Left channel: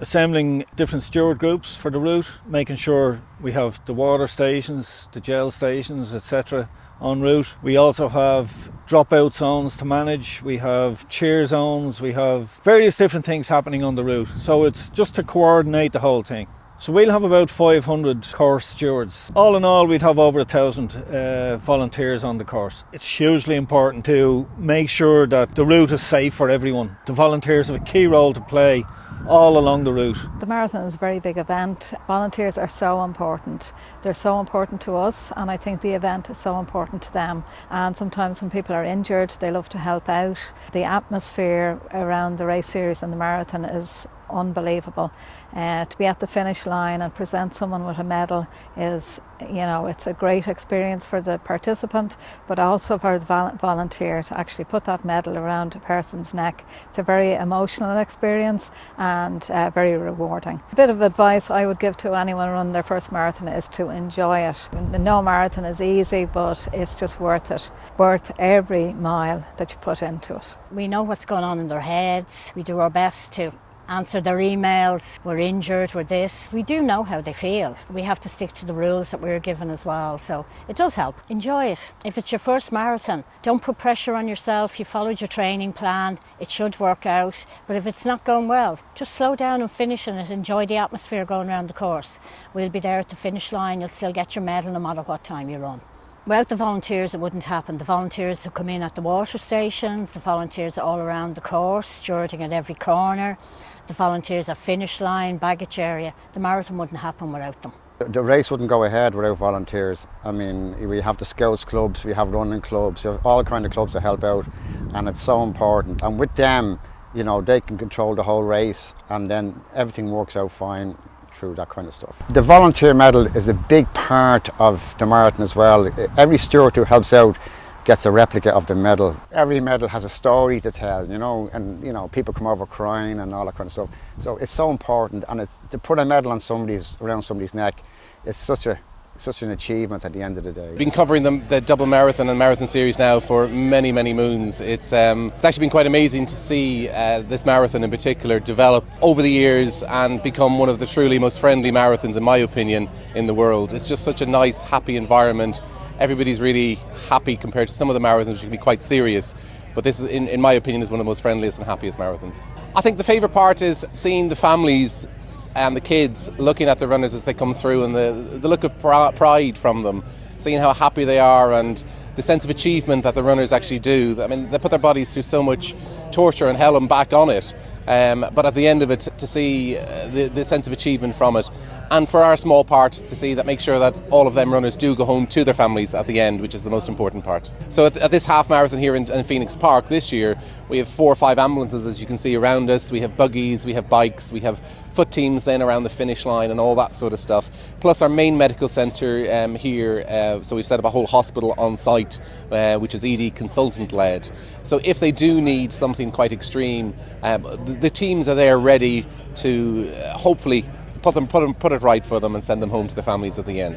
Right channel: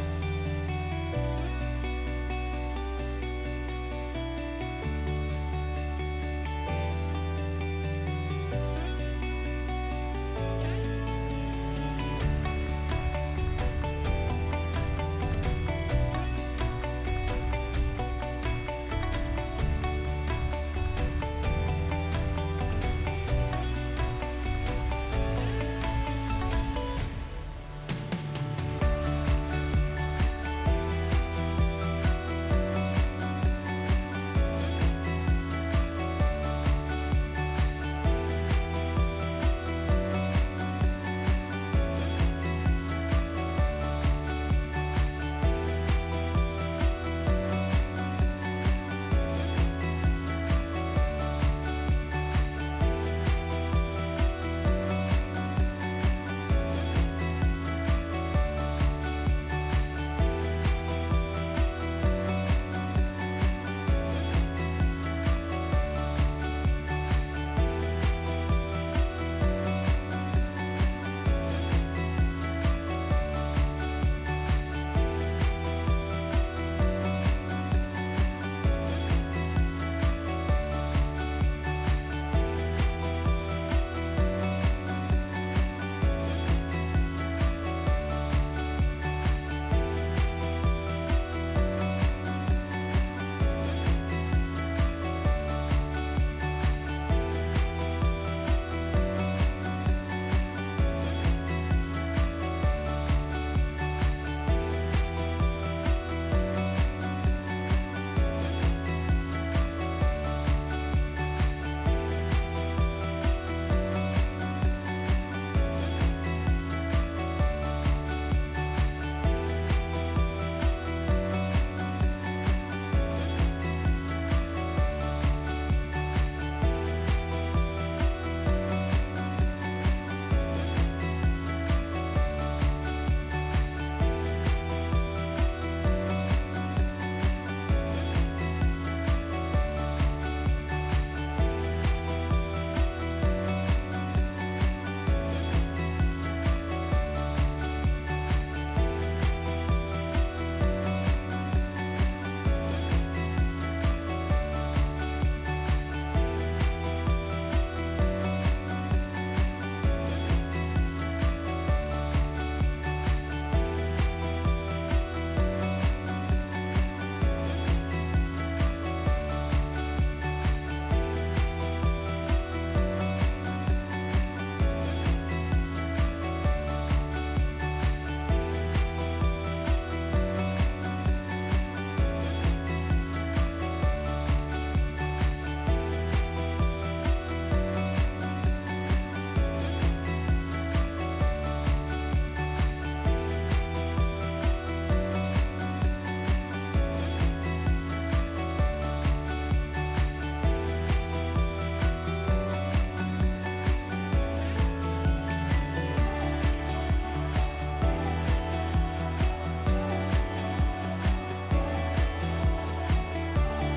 assembling different steward groups for the route, making sure we have the water stations, the gel stations, etc. en route. We also have dropout zones to manage, we have cheer zones, we have various different things happening on the route. So it's just to coordinate the whole thing. So we'll have about 500 course stewards. All in all, we'd have over 1,000 volunteers on the course. It's hugely important to make sure that the route is safe for everyone. The volunteers have a key role to play all along the route. The marathon is a very big event. Volunteers are so important. They're so important to us, and I think the event is so important to them. And sometimes when people are injured, they love to help out. The atmosphere around the race series and the marathon is unbelievable. To be at the finish line and present someone with a medal is, it's a great experience for the participant, but also for the volunteer to actually put that medal around a person's neck. It's a very emotional experience and very rewarding. A bit of advice I would give to anyone running their first marathon is to enjoy it. No marathon is easy, but it's just worth it. Worth every mile that you put into it. We know what's going on in their heads. We do our best to answer their emails. We're injured, we're this. We do know how they feel. We have to stick to the rules that we're given as well, so it does help. Enjoy it. If it's your first marathon, don't put pressure on yourself. You followed your training plan, it should work out. But if it's not going well, just slow down and finish it. Enjoy the atmosphere going around the course. We'll be there at the finish line and still get your medal no matter what time you run. Without the volunteers, it wouldn't happen. The volunteers who come in at the water stations, the volunteers all around the course, stewarding at every corner, the volunteers at finish line, baggage area. The marathon wouldn't happen without them. The race wouldn't go ahead without volunteers. I mean, we have the Scouts clubs, we have running clubs, we have all kind of clubs that help out, and it's so important. And with them, they can control the whole race, and then everything works out fine through that kind of stuff. The volunteer medal is a big part of the marathon as well. Every steward who helps out gets a replica of the medal. Every medal has a story to tell, and people come over crying and all that kind of stuff. So it's so important, and to put a medal on around somebody's neck, it's such an achievement at the end of the day. We've been covering the Dublin Marathon and Marathon Series now for many, many moons. It's actually been quite amazing to see this marathon in particular develop over the years and become one of the truly most friendly marathons, in my opinion, in the world. It's just such a nice, happy environment. Everybody's really happy compared to some of the marathons, which can be quite serious. But this, in my opinion, is one of the most friendliest and happiest marathons. I think the favourite part is seeing the families and the kids looking at the runners as they come through, and the look of pride from them, seeing how happy they are and the sense of achievement that the runners actually do. I mean, they put their bodies through so much torture and hell and back on it, but at the end of it, to see the sense of achievement from it, and for our small part to see that, make sure that all of them runners do go home to their families at the end, which is the most important part. So at this half marathon here in Phoenix Park this year, we have 4 or 5 ambulances, as you can see around us. We have buggies, we have bikes, we have foot teams then around the finish line and all that sort of stuff. Plus our main medical centre here, so we've set up a whole hospital on site, which is ED consultant led. So if they do need something quite extreme, the teams are there ready to hopefully put it right for them and send them home to their families at the end.